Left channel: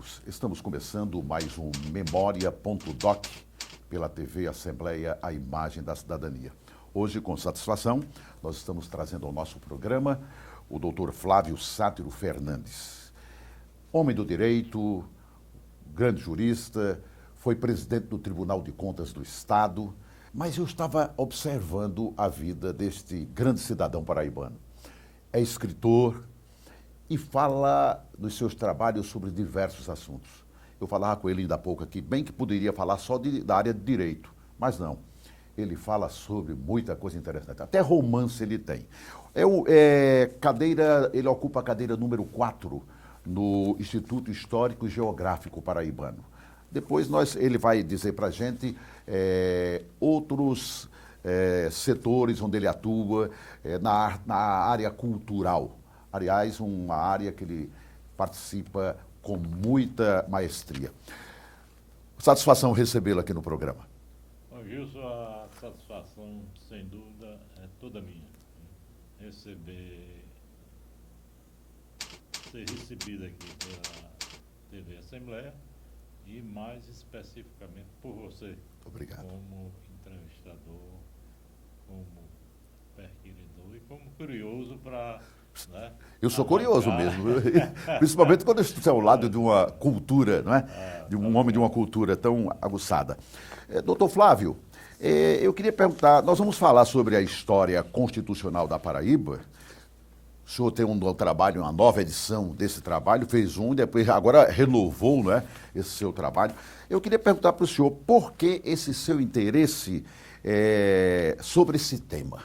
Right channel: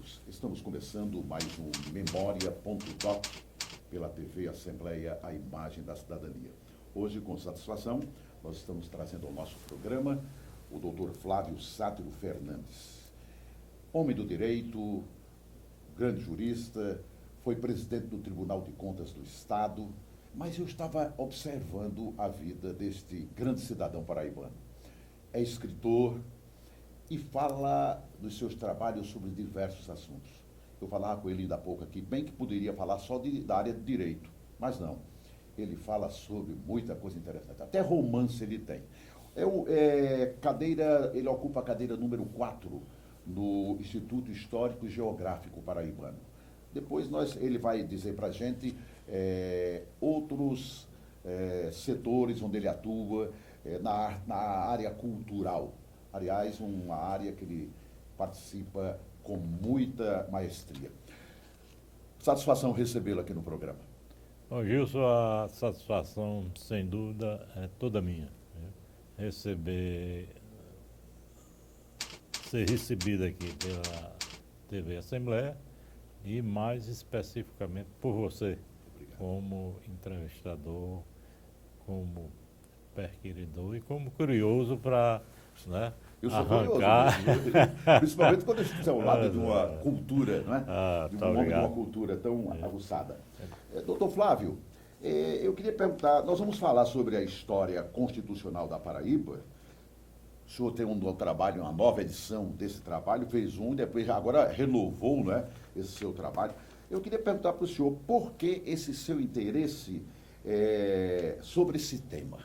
amigos, estamos começando mais um Memória.doc pela TV Assembleia, a imagem da cidadania. Hoje, com satisfação, nós estamos trazendo ao nosso programa o Dr. Flávio Sátiro Fernandes. Homem do direito, grande jurista, foi presidente do Tribunal de Contas do Estado, mas eu estava observando a vida deste grande cidadão paraibano. É escritor e fala dos seus trabalhos sobre diversos assuntos. Eu falava com ele ainda há pouco aqui, bem que poderia falar só da área de direito, mas não. Ele fala sobre muita coisa interessante. Até romance ele tem. Ele ocupa a cadeira número 4 no Instituto Histórico e Geográfico Paraibano. Depois ele vai dizer para a gente outros setores onde ele atua na área cultural. Aliás, uma área que ele participa com muita maestria. Satisfação recebê-lo aqui no programa. Bom, Gilson, a satisfação, sem dúvida, é toda minha. Ser recebido aqui pela TV Assembleia e, mais especificamente, por você. Obrigado. Como entrevistador, como perquiridor e como curioso para... Né, eu sou curioso mesmo, principalmente quando eu estou ao lado de uma cultura, não é? De um homem de uma cultura tão aguçada. Doutor Flávio, eu queria perguntar, nós vamos falar sobre a história constitucional da Paraíba. O senhor tem um trabalho, uma nova edição desse trabalho, fez depois agora renovou, não é, esse seu trabalho. Eu queria perguntar para o senhor por que esse seu interesse sobre esse tema.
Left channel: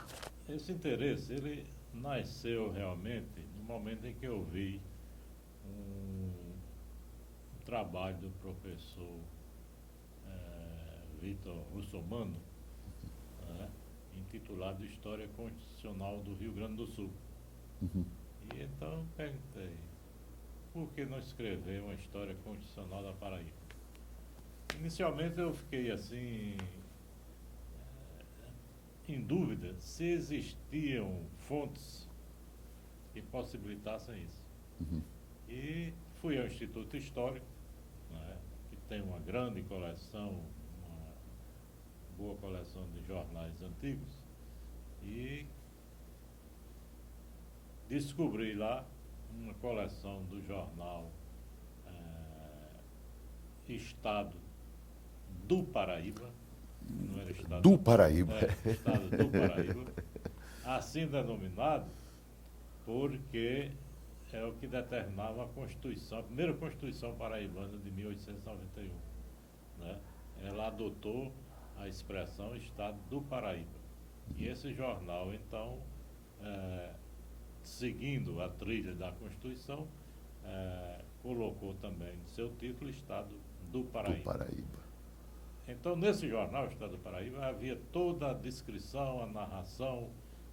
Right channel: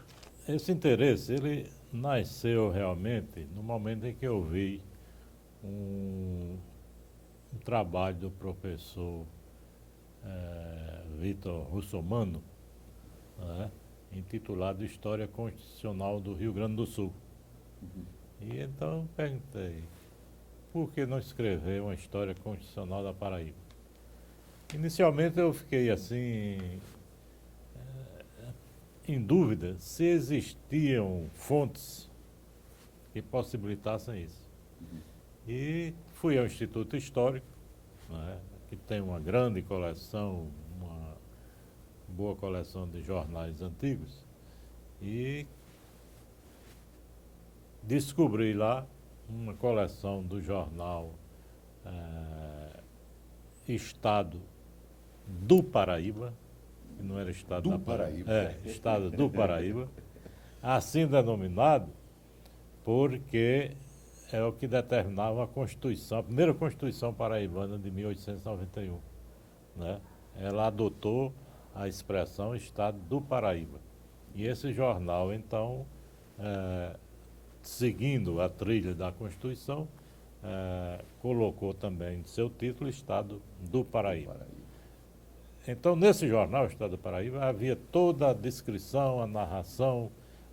Esse interesse, ele nasceu realmente no momento em que eu vi um trabalho do professor Vitor Russomano, né, intitulado História Constitucional do Rio Grande do Sul. E então eu perguntei, por que não escrever uma história constitucional da Paraíba? Inicialmente eu fiquei assim, em dúvida se existiam fontes que possibilitassem isso. E fui ao Instituto Histórico, né, que tem uma grande coleção, uma boa coleção de jornais antigos, e descobri lá uma coleção do jornal Estado do Paraíba, não era Estado do Paraíba. Estado do Paraíba, assim denominado porque é o que determinava a Constituição, a primeira Constituição paraibana de 1891. Né? Ela adotou a expressão Estado do Paraíba. E esse jornal, então, seguindo a trilha da Constituição, colocou também em seu título Estado do Paraíba. Então, nesse jornal, Estado do Paraíba, havia toda a descrição, a narração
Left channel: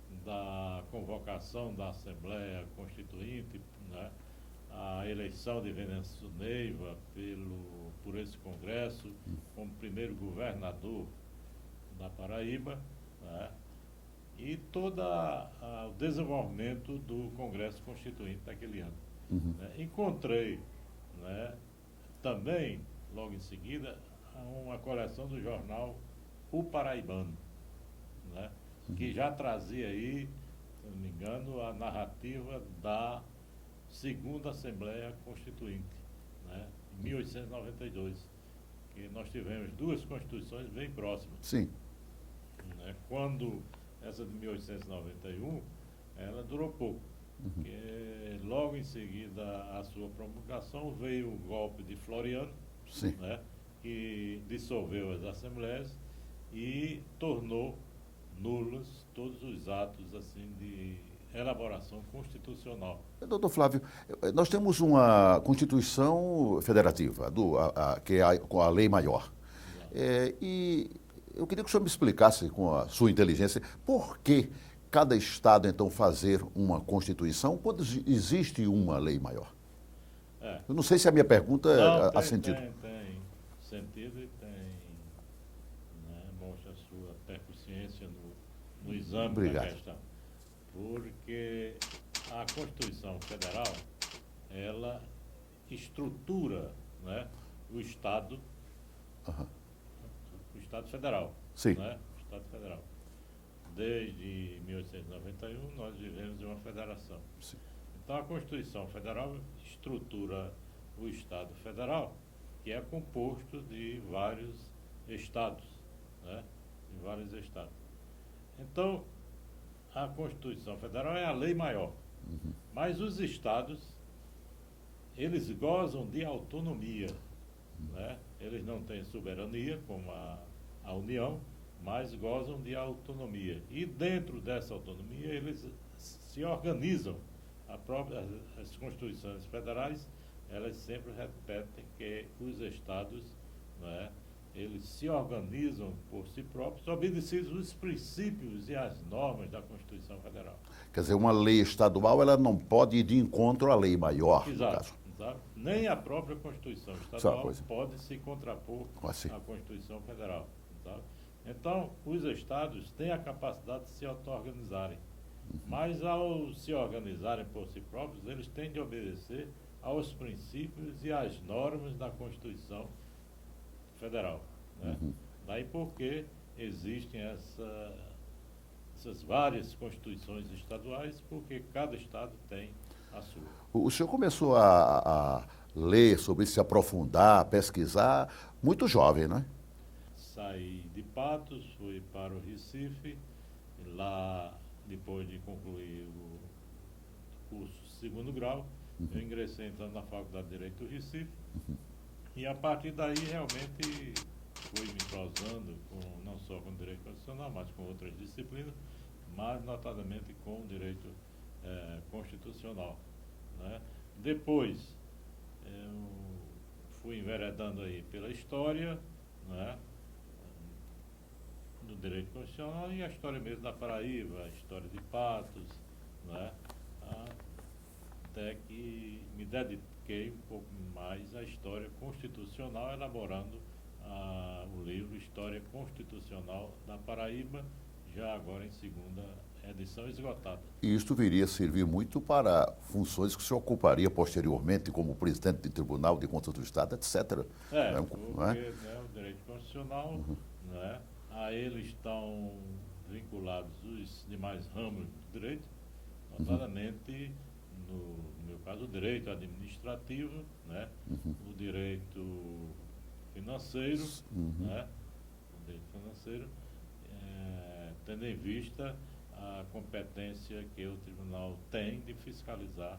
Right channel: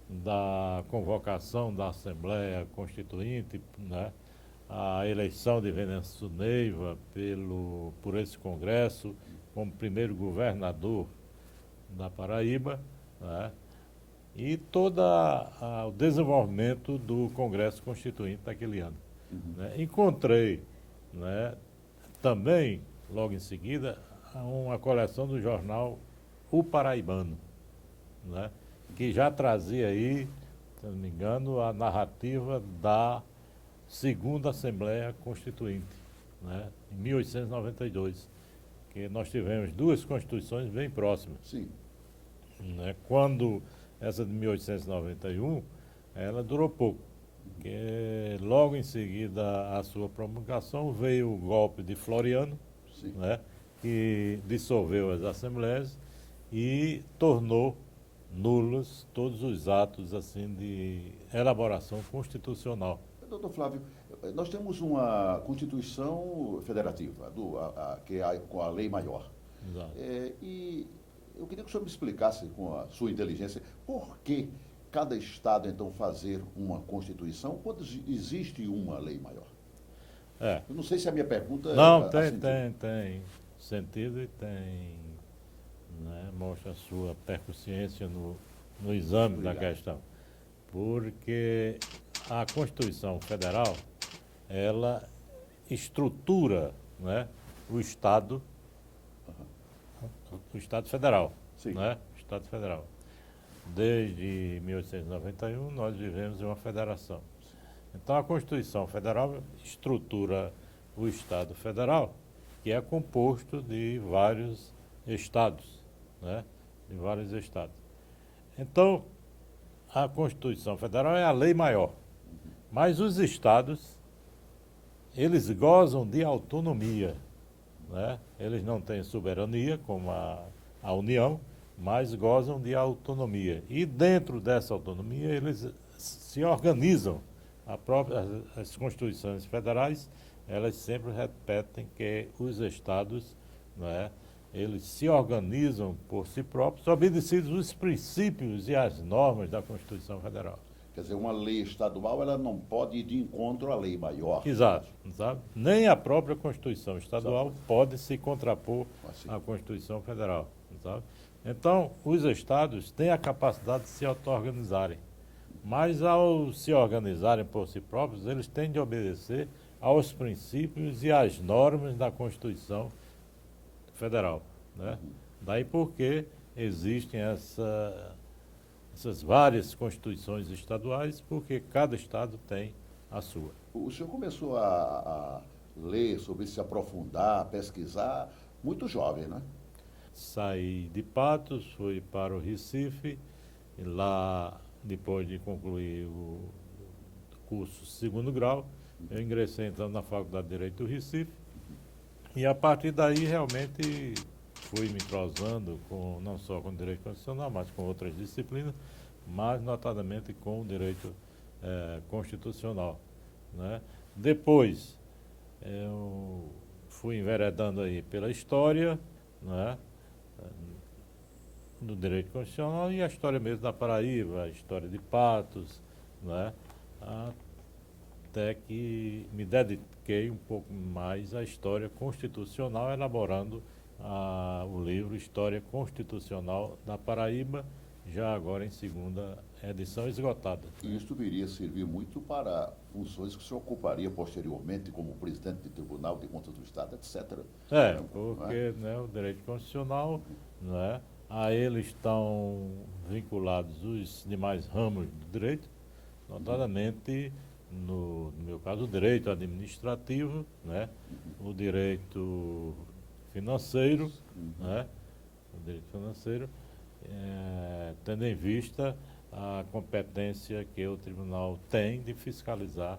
da convocação da Assembleia Constituinte, né, a eleição de Venâncio Neiva por esse Congresso, como primeiro governador da Paraíba, né, e todo o desenvolvimento do Congresso Constituinte daquele ano. Né. Encontrei, né, também, logo em seguida, uma coleção do jornal O Paraibano, né, que já trazia aí, se não me engano, a narrativa da segunda Assembleia Constituinte, né, em 1892, que nós tivemos duas constituições bem próximas. Sim. Né, quando essa de 1891, ela durou pouco, porque logo em seguida à sua promulgação veio o golpe de Floriano, né, que dissolveu as assembleias e tornou nulos todos os atos assim de elaboração constitucional. Doutor Flávio, nós temos uma Constituição Federativa, que é a lei maior. E eu queria que o senhor me explicasse, com a sua inteligência, por que cada Estado, então, fazer uma Constituição quando existe uma lei maior? Eu não sei se a minha pergunta tem sentido. Tem sentido e tem, né, mostra a sua percussiência no exame da questão. Porque a Constituição Federal, ela estrutura, né, o Estado, o Estado Federal. Sim. Né, o Estado Federal. Desde 1891, nós vivemos em uma federação. Sim. Então, a Constituição Federal estrutura o Estado Federal, que é composto de vários estados, né? De vários estados. Então, a Constituição Federal é a lei maior. Mas os estados, eles gozam de autonomia, né? Eles não têm soberania, como a União, mas gozam de autonomia. E dentro dessa autonomia, eles se organizam. As constituições federais, elas sempre repetem que os estados, né, eles se organizam por si próprios, obedecidos os princípios e as normas da Constituição Federal. Quer dizer, uma lei estadual ela não pode ir de encontro à lei maior. Exato. Nem a própria Constituição estadual Coisa. pode se contrapor Assim. à Constituição Federal. Sabe? Então, os estados têm a capacidade de se auto-organizarem. Mas, ao se organizarem por si próprios, eles têm de obedecer aos princípios e às normas da Constituição Federal. Né? Daí porque existem essas várias constituições estaduais, porque cada estado tem a sua. O senhor começou a ler sobre isso, se aprofundar, pesquisar, muito jovem, né? Saí de Patos, fui para o Recife, e lá, depois de concluir o curso segundo grau, eu ingressei então na Faculdade de Direito do Recife, e a partir daí realmente fui me entrosando não só com o direito constitucional, mas com outras disciplinas, mas notadamente com o direito constitucional. Né? Depois, eu fui enveredando aí pela história, né, do direito constitucional e a história mesmo da Paraíba, a história de Patos, né, até que me dediquei um pouco mais à história constitucional, elaborando o livro História Constitucional da Paraíba, já agora em segunda edição esgotada. E isto viria a servir muito para funções que se ocuparia posteriormente como presidente de Tribunal de Contas do Estado, etc. Porque né, o direito constitucional, né, a ele estão vinculados os demais ramos do direito, notadamente, no meu caso, o direito administrativo, né, o direito financeiro, né, o direito financeiro, tendo em vista a competência que o tribunal tem de fiscalizar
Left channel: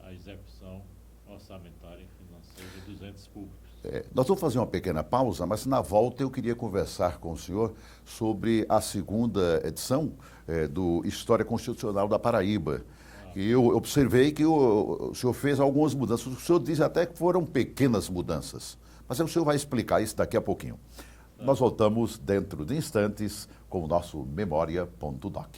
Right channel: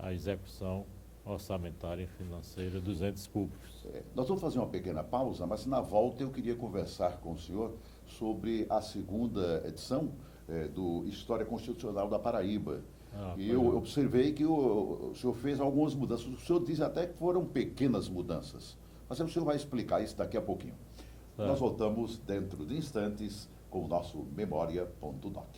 a execução orçamentária e financeira dos entes públicos. Nós vamos fazer uma pequena pausa, mas na volta eu queria conversar com o senhor sobre a segunda edição do História Constitucional da Paraíba. E eu observei que o senhor fez algumas mudanças. O senhor diz até que foram pequenas mudanças. Mas o senhor vai explicar isso daqui a pouquinho. Nós voltamos dentro de instantes com o nosso Memória.doc.